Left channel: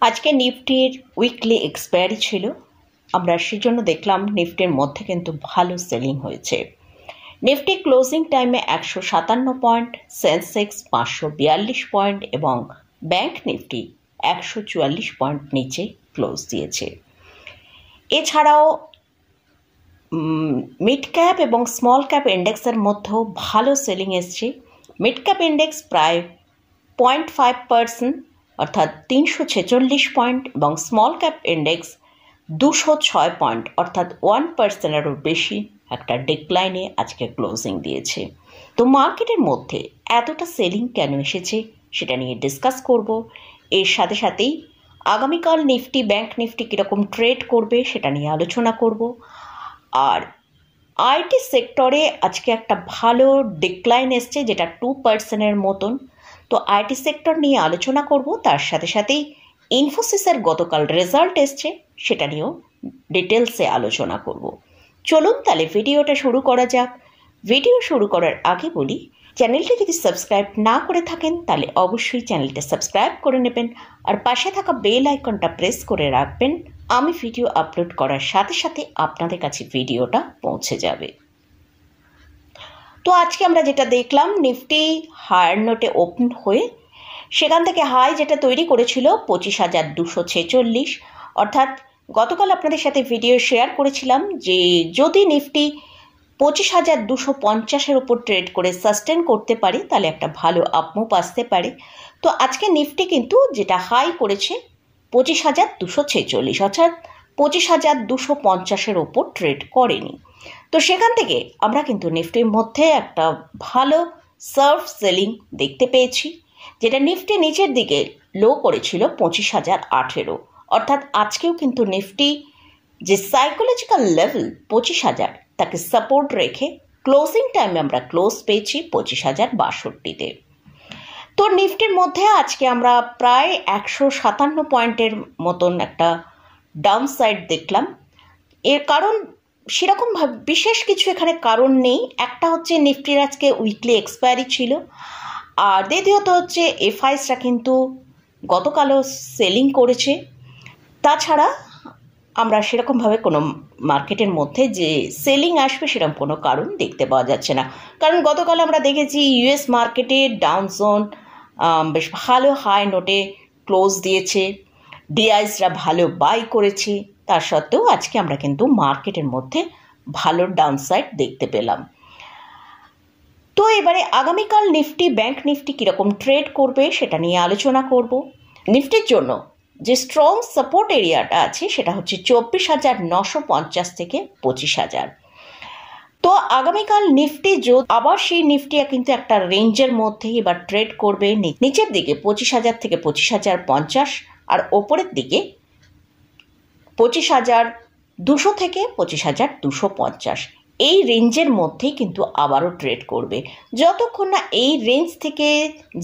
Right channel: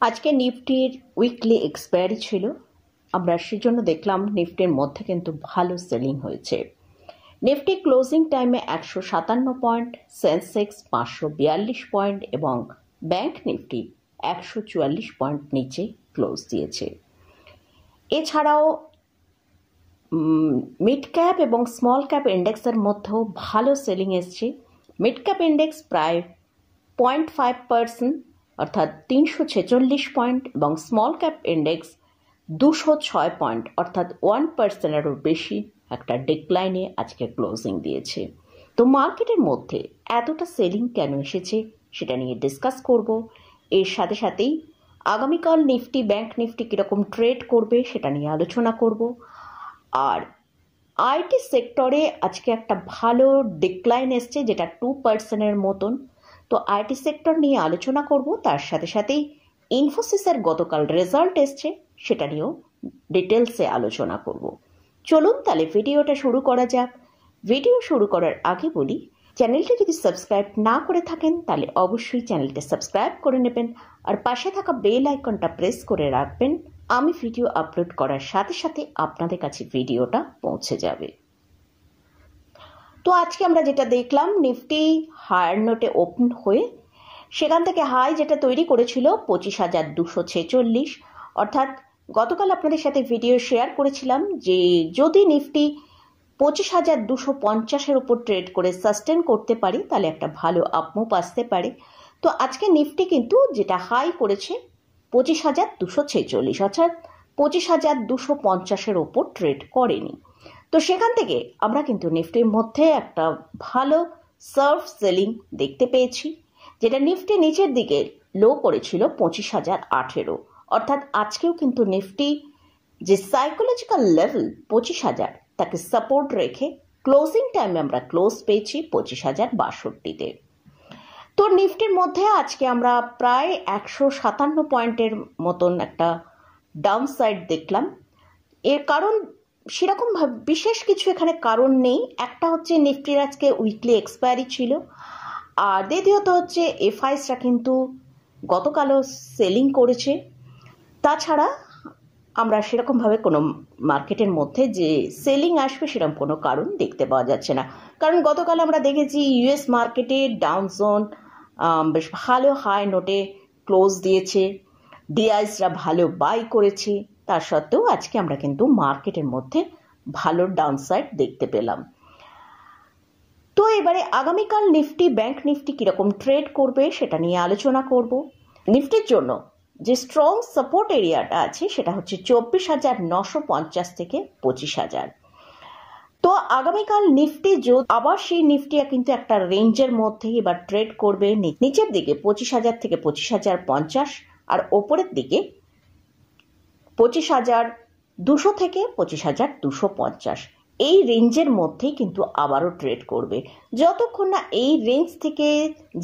আজকে নিফটির weekly expiry ছিল, আমরা সেজন্য দেখলাম নিফটির মধ্যে কিন্তু ভালো সেলিং হয়েছে। নিফটি ক্লোজিং টাইমে 157 পয়েন্ট, সেন্সেক্স 542 পয়েন্ট এবং ব্যাংক নিফটি 144 পয়েন্ট নিচে ক্লোজ দিয়েছে। এছাড়াও মিড ক্যাপ এবং স্মল ক্যাপ ইন্ডেক্সের মধ্যেও ভালো সেলিং এসছে। মিড ক্যাপ ইন্ডেক্স প্রায় 0.5% অর্থাৎ 346 পয়েন্ট এবং স্মল ক্যাপ ইন্ডেক্স 206 পয়েন্ট অর্থাৎ 1%-এরও বেশি একটা ডিক্লাইনে আজকে ক্লোজিং দিয়েছে। তো মার্কেটের মধ্যে এতটা সেলিং কেন এসেছে সেটা নিয়ে ডিসকাস করব। এর সাথে সাথেই আগামীকাল নিফটি ব্যাংক নিফটি কীরকম ট্রেড করবে সেটা নিয়ে আলোচনা করব। আর আইটি সেক্টরে আজকে একটা ভালো ডিক্লাইন এসছে, যেটা 2%-এর মতন। তো আইটি সেক্টর নিয়ে আলোচনা করব, তার সাথে সাথেই ইনফোসিসের গতকাল রেজাল্ট এসছে সেটা নিয়েও ডিটেলসে আলোচনা করব। চলুন তাহলে ভিডিওটা শুরু করা যাক। ভিডিও শুরু করার আগে বলি, চ্যানেলটি যদি সাবস্ক্রাইব না করে থাকেন তাহলে অবশ্যই চ্যানেলটা সাবস্ক্রাইব করে নেবেন আর পাশে থাকা বেল আইকনটা প্রেস করে রাখবেন। আমি ভিডিও আপলোড করার সাথে সাথে আপনাদের কাছে ভিডিওটা পৌঁছে যাবে। তো আজকে আমরা যেটা দেখলাম, নিফটি হায়ার নোটে ওপেন হয়ে সেখান থেকে হাই যেটা তৈরি করেছিল 25,246, অর্থাৎ গতকাল আপনাদের সাথে ভিডিও শেয়ার করেছিলাম যে যদি নিফটি 25,250-এর উপর ট্রেড করে সাস্টেন করতে পারে তাহলে একটা ভালো আপমুভ আসতে পারে। তো আজকে নিফটি কিন্তু যেটা হাই করেছে 25,246, অর্থাৎ 25,250-এর ওপর ট্রেড করেনি। তো সেখান থেকে আমরা কিন্তু নিফটির মধ্যে একটা ভালো সার্ভ সেলিং দেখতে পেয়েছি, যেটা নিফটি নিচের দিকে লো করেছিল 25,018, অর্থাৎ আজকেও কিন্তু নিফটি যে সাইকোলজিক্যাল লেভেল 25,000 তাকে সাপোর্ট রেখে ক্লোজিং টাইমে আমরা ক্লোজ পেয়েছি 25,062-তে। তো নিফটির মধ্যে আজকে আমরা প্রায় 157 পয়েন্টের মতন একটা ডাউন সাইড দেখলাম। এর কারণ সেরকম বিশেষ কিছু এখানে কারণ নেই। একটা হচ্ছে নিফটির আজকে উইকলি এক্সপায়ারি ছিল, আর দ্বিতীয়ত হচ্ছে এফআইএসরা কিন্তু গতকালও সেলিং করেছে। তাছাড়া আমরা সেরকমভাবে কোনো মার্কেটের মধ্যে যে সেলিং আসবে সেরকম কোনো কারণ দেখতে পাওয়া যাচ্ছে না, কারণ গতকাল আমরা দেখেছি ইউএস মার্কেটে ডাউন জোন বেশ ভালো হাই নোটে ক্লোজ দিয়েছে, ডিআইসরা ভালো বাই করেছে। তার সত্ত্বেও আজকে আমরা কিন্তু মার্কেটের মধ্যে ভালো ডাউনসাইড দেখতে পেলাম। তো এবারে আগামীকাল নিফটি ব্যাংক নিফটি কীরকম ট্রেড করবে সেটা নিয়ে আলোচনা করব। নিফটির জন্য যে স্ট্রং সাপোর্ট এরিয়াটা আছে সেটা হচ্ছে 24,950 থেকে 25,000। তো আগামীকাল নিফটি আবার সেই নিফটি কিন্তু একটা রেঞ্জের মধ্যে এবার ট্রেড করবে, নিচের দিকে 25,000 থেকে 25,050 আর ওপরের দিকে 25,200 থেকে 25,250। এই রেঞ্জের মধ্যেই কিন্তু আবারও ট্রেড করবে। যতক্ষণ না এই রেঞ্জ থেকে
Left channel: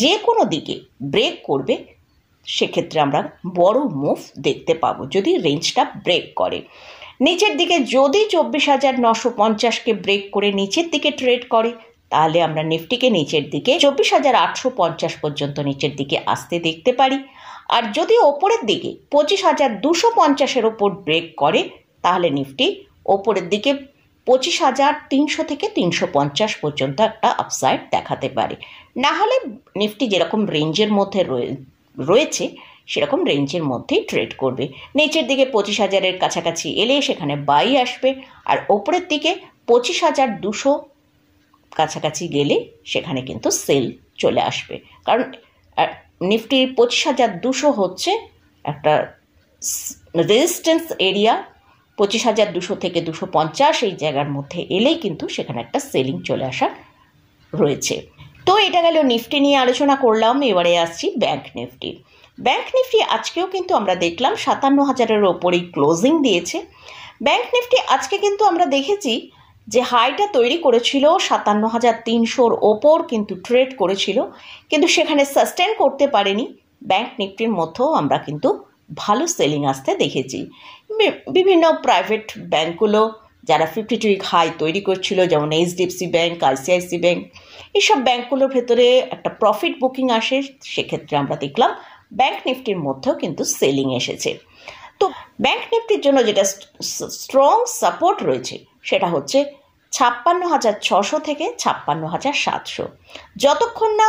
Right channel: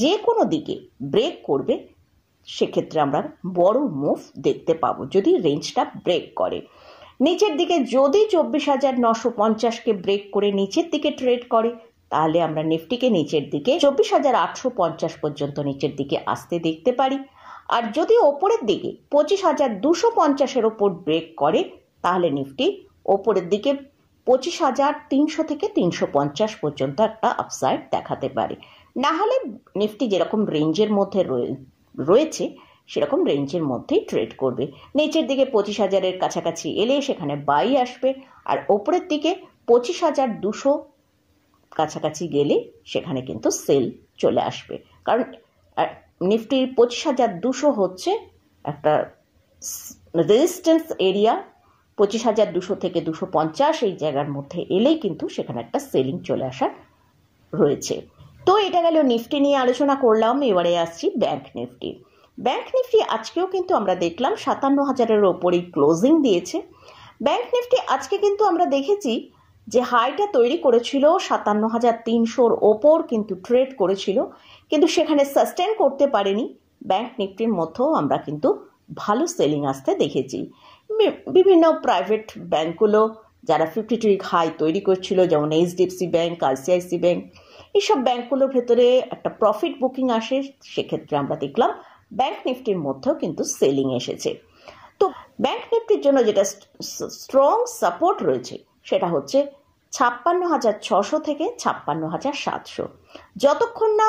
যে কোনো দিকে ব্রেক করবে সেক্ষেত্রে আমরা বড় মুভ দেখতে পাবো। যদি রেঞ্জটা ব্রেক করে নিচের দিকে, যদি 24,950-কে ব্রেক করে নিচের দিকে ট্রেড করে তাহলে আমরা নিফটিকে নিচের দিকে 24,850 পর্যন্ত নিচের দিকে আসতে দেখতে পারি। আর যদি ওপরের দিকে 25,250-এর ওপর ব্রেক করে তাহলে নিফটি ওপরের দিকে 25,300 থেকে 350 পর্যন্ত একটা আপসাইড দেখাতে পারে। না হলে নিফটি যেরকম রেঞ্জের মধ্যে রয়েছে সেরকম রেঞ্জের মধ্যেই ট্রেড করবে। নিচের দিকে 25,000-এর কাছাকাছি এলে সেখানে বাই আসবে, আর ওপরের দিকে 25,200 কাছাকাছি গেলে সেখানে কিন্তু সেল চলে আসবে। কারণ নিফটির 25,200 হচ্ছে একটা রেজিস্ট্যান্স এরিয়া। 25,200 থেকে 250 এই জায়গার মধ্যে এলেই কিন্তু সেখানে একটা সেলিং চলে আসা রয়েছে। তো এটা গেল নিফটি নিয়ে আলোচনা করলাম। এবারে আসছি ব্যাংক নিফটি। ব্যাংক নিফটি আজকেও কিন্তু আমরা দেখলাম 57,000-এর ওপরেই ক্লোজিং দিয়েছে। ব্যাংক নিফটি আজকে কিন্তু আমরা দেখেছি যে হাইটা তৈরি করেছিল 57,300-র ওপর কিন্তু ট্রেড করেছিল, কিন্তু সেখানে সাস্টেন করতে পারেনি। ব্যাংক নিফটির মধ্যেও আমরা কিন্তু ভালো সেলিং আসতে দেখেছি। বিভিন্ন প্রাইভেট ব্যাঙ্কগুলো যারা 52-উইক হাই তৈরি করছিল, যেমন এইচডিএফসি ব্যাঙ্ক, আইসিআইসি ব্যাঙ্ক, এইসব ব্যাঙ্কগুলোর ভেতরে একটা প্রফিট বুকিং আসে। সেক্ষেত্রে আমরা দেখলাম ব্যাংক নিফটির মধ্যেও কিন্তু সেলিং এসেছে। তো ব্যাংক নিফটির জন্য যেটা স্ট্রং সাপোর্ট রয়েছে সেটা হচ্ছে 56,600 থেকে 56,700। যতক্ষণ না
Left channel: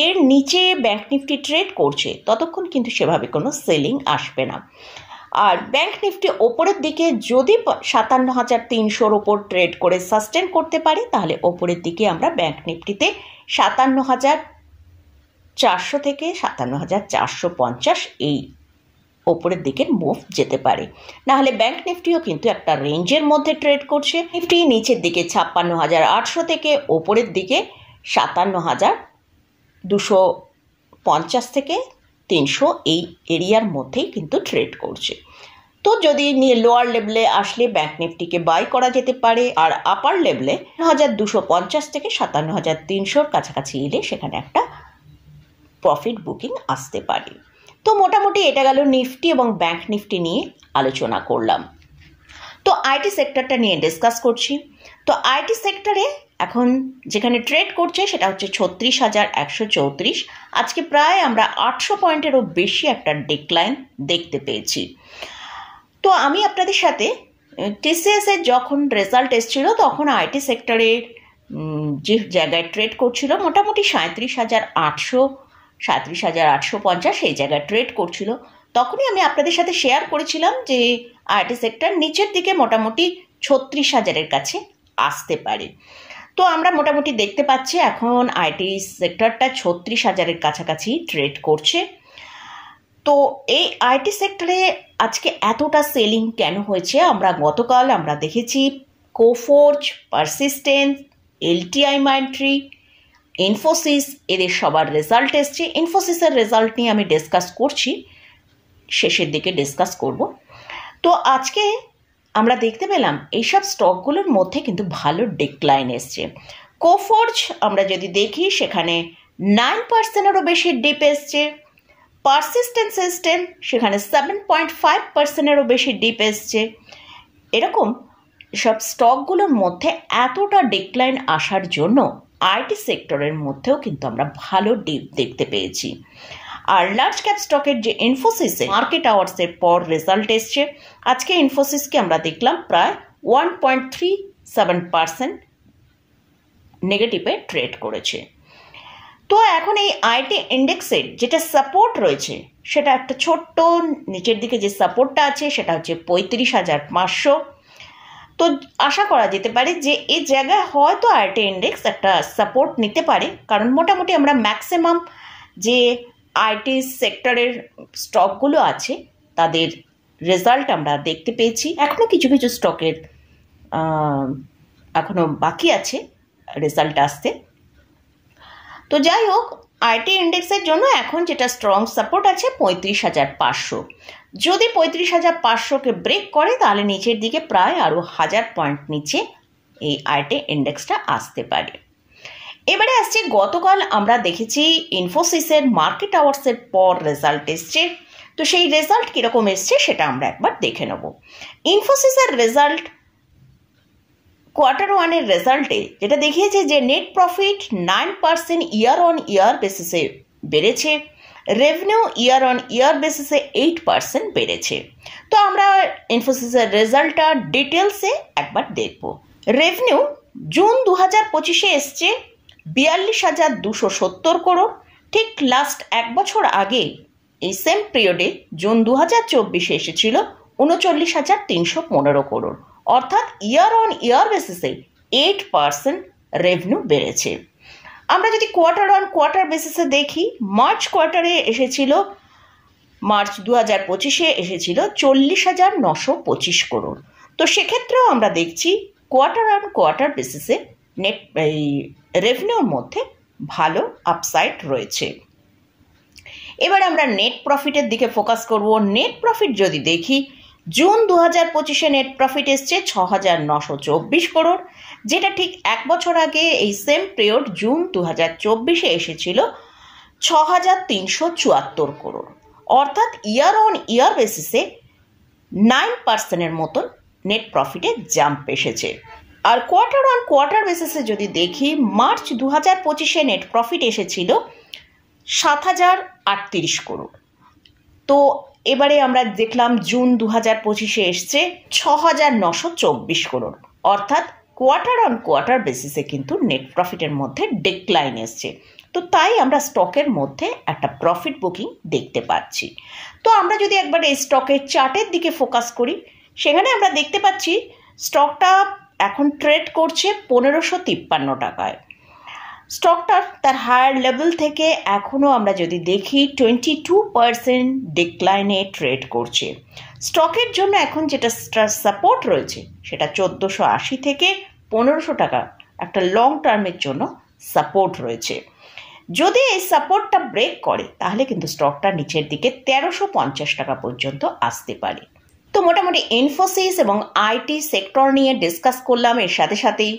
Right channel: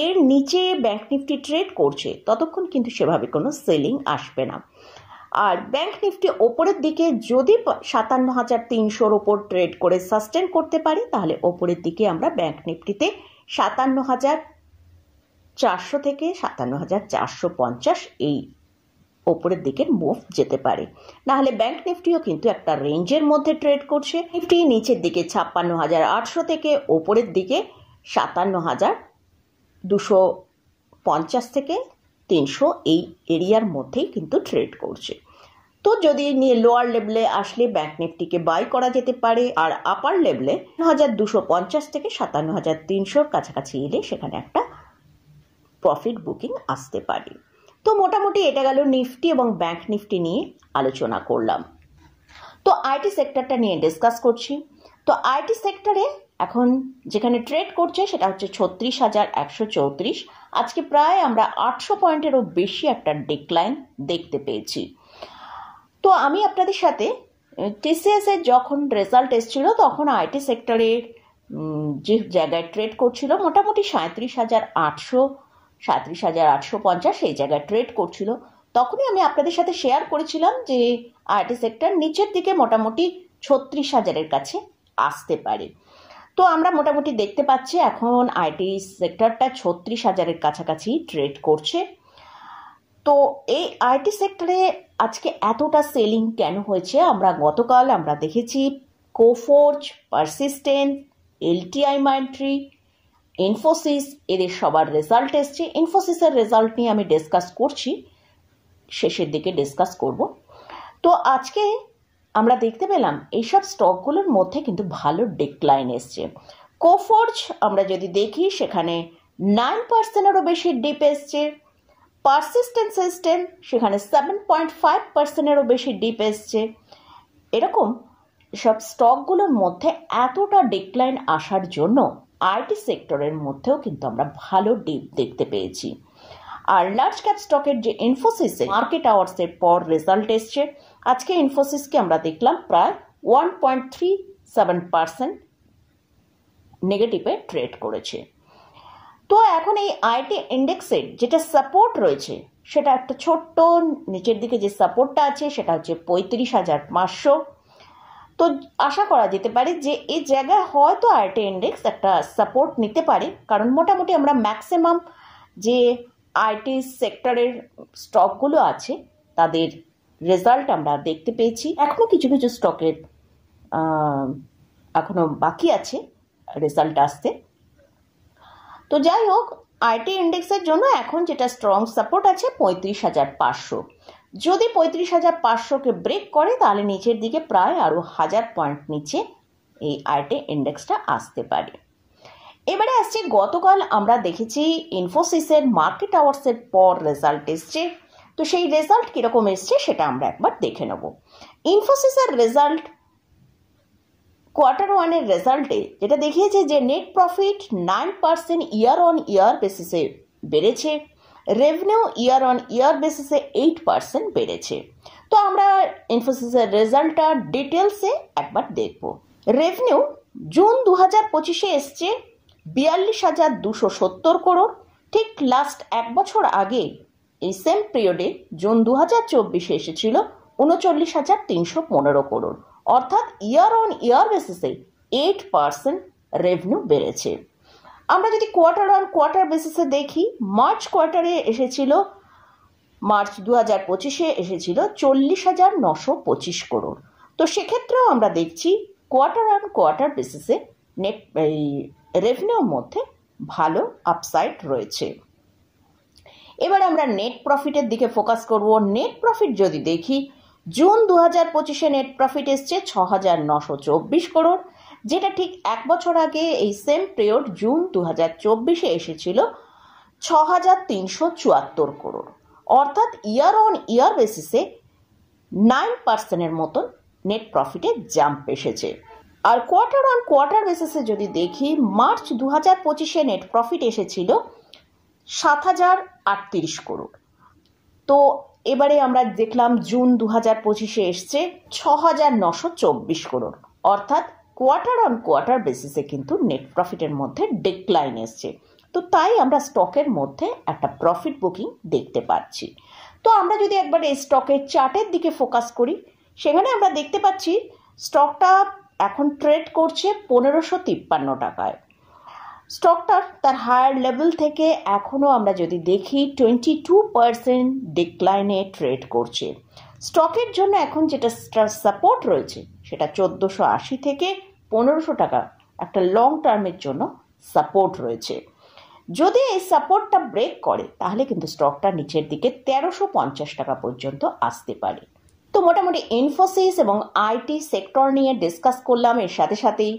এর নিচে ব্যাংক নিফটি ট্রেড করছে ততক্ষণ কিন্তু সেভাবে কোনো সেলিং আসবে না। আর ব্যাংক নিফটি ওপরের দিকে যদি 57,300-র ওপর ট্রেড করে সাস্টেন করতে পারে তাহলে ওপরের দিকে আমরা ব্যাংক নিফটিতে 57,400 থেকে 57,450 এই ওপরের দিকের মুভ যেতে পারে। নাহলে ব্যাংক নিফটিও কিন্তু একটা রেঞ্জের মধ্যে ট্রেড করছে। নিফটি নিচের দিকে 56,800 থেকে ওপরের দিকে 57,250 থেকে 300 এই এরিয়ার মধ্যেই কিন্তু ট্রেড করছে। তো যদি লোয়ার লেভেলে আসলে ব্যাংক নিফটিকে বাই করা যেতে পারে, আর আপার লেভেলে 5250 থেকে 57,300-র কাছাকাছি এলে সেখানে একটা প্রফিট বুকিং আসতে পারে। তো মোটামুটি এটা গেল নিফটি এবং ব্যাংক নিফটি নিয়ে আলোচনা করলাম। তো আইটি সেক্টরটা নিয়ে ডিসকাস করছি। তো আইটি সেক্টরে এখন যেখানে ট্রেড করছে সেটা হচ্ছে 36,134। আজকে প্রায় আমরা 800 পয়েন্টেরও বেশি একটা ডিক্লাইন দেখতে পেয়েছি। তো আমি আপনাদের সাথে টিসিএস এর যখন রেজাল্ট এসেছিল তখন আইটি সেক্টরের যে জায়গায় ট্রেড করছিল মোটামুটি 37,800, 37,850 এই জায়গায় ট্রেড করছিল, তখনই আমি আপনাদের সাথে শেয়ার করেছিলাম যে আইটি সেক্টর নিচের দিকে মোটামুটি 36,000-এর কাছে আসতে পারে। তো আমরা মোটামুটি দেখতে পাচ্ছি এখন আইটি সেক্টরটা 36,000-এর কাছাকাছি ট্রেড করছে। তো এই আইটি সেক্টরে আজকে এতটা সেলিং কেন হয়েছে? গতকাল আমরা দেখেছি কোফোর্জ, পারসিস্টেন্স, এলটিআই মাইন্ডট্রি, ইনফোসিস এদের সবার রেজাল্ট এসছে। ইনফোসিসের রেজাল্ট নিয়ে আমি ডিসকাস করছি, শেষের দিকে ডিসকাস করব। তো আজকে আমরা দেখতে পেলাম এইসব স্টকগুলোর মধ্যে কিন্তু ভালো ডিক্লাইন এসছে। কোফোর্জ আমরা যদি দেখি সেখানে 9%-এরও বেশি ডিপ এসছে। পারসিস্টেন্ট সিস্টেম সেখানে 7.5%-এরও বেশি ডিপ এসছে। এরকম সব স্টকগুলোর মধ্যে এতটা ডিক্লাইন আসার জন্য আইটি সেক্টরের মধ্যেও কিন্তু আমরা ভালো ডিপ দেখতে পেয়েছি। আর লার্জ ক্যাপ স্টকের যে ইনফোসিসে মার্কেট আওয়ার্সের পর রেজাল্ট এসছে, আজকে ইনফোসিসকে আমরা দেখলাম প্রায় 1.37% নেগেটিভে ট্রেড করেছে। তো এখন এই আইটি ইন্ডেক্সের যেটা সাপোর্ট রয়েছে সেটা একটা ছোট্ট নিচের দিকে যে সাপোর্টটা আছে সেটা হচ্ছে 35,500। তো আশা করা যেতে পারে যে এই জায়গায় হয়তো আইটি ইন্ডেক্স একটা সাপোর্ট নিতে পারে, কারণ মোটামুটি আমরা ম্যাক্সিমাম যে আইটি সেক্টরের স্টকগুলো আছে তাদের রেজাল্ট আমরা দেখতে পেয়েছি। এখনও কিছু কিছু স্টকের এখনও বাকি আছে রেজাল্ট আসতে। তো যাই হোক, আইটি ইন্ডেক্সের জন্য এখন যেটা স্ট্রং সাপোর্ট আছে 35,500। যদি 35,500-কে ব্রেক করে তাহলে নিচের দিকে প্রায় আরও 1000 পয়েন্ট নিচে এই আইটি ইন্ডেক্সটা আসতে পারে। এবারে আসছে গতকাল আমরা দেখেছি ইনফোসিসের মার্কেট আওয়ার্সের পর রেজাল্ট এসছে। তো সেই রেজাল্ট কীরকম এসছে সেটা আমরা একবার দেখে নেব। ইনফোসিসের রেজাল্ট Q1-এর রেজাল্টে যেটা দেখিয়েছে যে নেট প্রফিট 9% ইয়ার অন ইয়ার বেসিসে বেড়েছে, রেভিনিউ ইয়ার অন ইয়ার বেসিসে 8% বেড়েছে। তো আমরা ইনফোসিসের রেজাল্টটা ডিটেলসে একবার দেখব। রেভিনিউ জুন 2025-এ এসছে 42,270 করোড়। ঠিক লাস্ট এক বছর আগে এই সেম পিরিয়ডে জুন 2024-এ এসেছিল 39,315 করোড়, অর্থাৎ ইয়ার অন ইয়ার বেসিসে 8% রেভিনিউ বেড়েছে। আমরা যদি কোয়ার্টার অন কোয়ার্টার বেসিসে দেখি, মার্চ কোয়ার্টারে এসেছিল মার্চ 2025-এ এসেছিল 40,925 করোড়। তো সেক্ষেত্রেও আমরা দেখছি কোয়ার্টার অন কোয়ার্টার বেসিসে নেট রেভিনিউর মধ্যে ভালো আপসাইড রয়েছে। এবার আমরা নেট প্রফিটের দিকে ফোকাস করব। নেট প্রফিট যদি দেখি, জুন 2025-এ নেট প্রফিট এসছে 6,924 করোড়, যেটা ঠিক এক বছর আগে এই সেম পিরিয়ড জুন 2024-এ এসেছিল 6,374 করোড়, অর্থাৎ ইয়ার অন ইয়ার বেসিসে 9%-এর মতন নেট প্রফিটে জাম্প এসেছে। আর কোয়ার্টার অন কোয়ার্টার বেসিসে যদি দেখি, মার্চ 2025-এ নেট প্রফিট এসেছিল 7,038 করোড়। তো এবারে আমরা দেখলাম জুন 2025-এ এসছে 6,924 করোড়, অর্থাৎ কোয়ার্টার অন কোয়ার্টার বেসিসে কিন্তু নেট প্রফিটের মধ্যে ডিক্লাইন এসছে। তো তাই আমরা স্টকের মধ্যে একটা প্রফিট বুকিং দেখতে পাচ্ছি। তো আমরা যদি একবার এই স্টকের চার্টের দিকে ফোকাস করি, সেখানে আমরা দেখতে পাচ্ছি স্টকটা এখন ট্রেড করছে 1553 টাকায়। স্টকটার তার হায়ার লেভেল থেকে এখনও আমরা যদি দেখি 22% ডিক্লাইনে ট্রেড করছে। স্টকের জন্য এখন যেটা সাপোর্ট রয়েছে সেটা 1480 থেকে 1500 টাকা একটা লং টার্মের জন্য সাপোর্ট রয়েছে। যদি এই সাপোর্টটা ব্রেক করে তাহলে কিন্তু স্টকটা নিচের দিকে 1350 টাকা পর্যন্ত আসতে পারে। তো মোটামুটি ইনফোসিস এবং আইটি সেক্টর নিয়ে ডিসকাস করলাম। এর সাথে সাথেই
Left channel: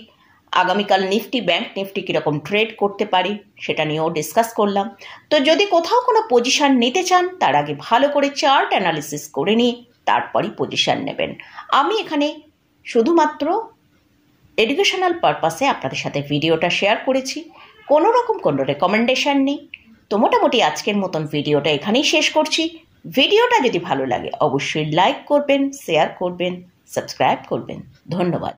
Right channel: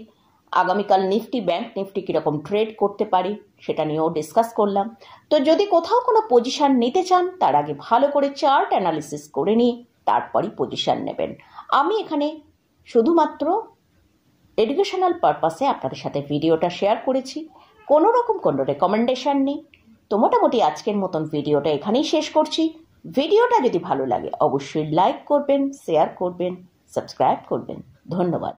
আগামীকাল নিফটি, ব্যাংক নিফটি কীরকম ট্রেড করতে পারি সেটা নিয়েও ডিসকাস করলাম। তো যদি কোথাও কোনো পজিশান নিতে চান তার আগে ভালো করে চার্ট অ্যানালিসিস করে নিয়ে তারপরই পজিশান নেবেন। আমি এখানে শুধুমাত্র এডুকেশনাল পারপাসে আপনাদের সাথে ভিডিওটা শেয়ার করেছি, কোনো রকম কোনো রেকমেন্ডেশন নেই। তো মোটামুটি আজকের মতন ভিডিওটা এখানেই শেষ করছি। ভিডিওটা যদি ভালো লাগে অবশ্যই লাইক করবেন, শেয়ার করবেন, সাবস্ক্রাইব করবেন। ধন্যবাদ।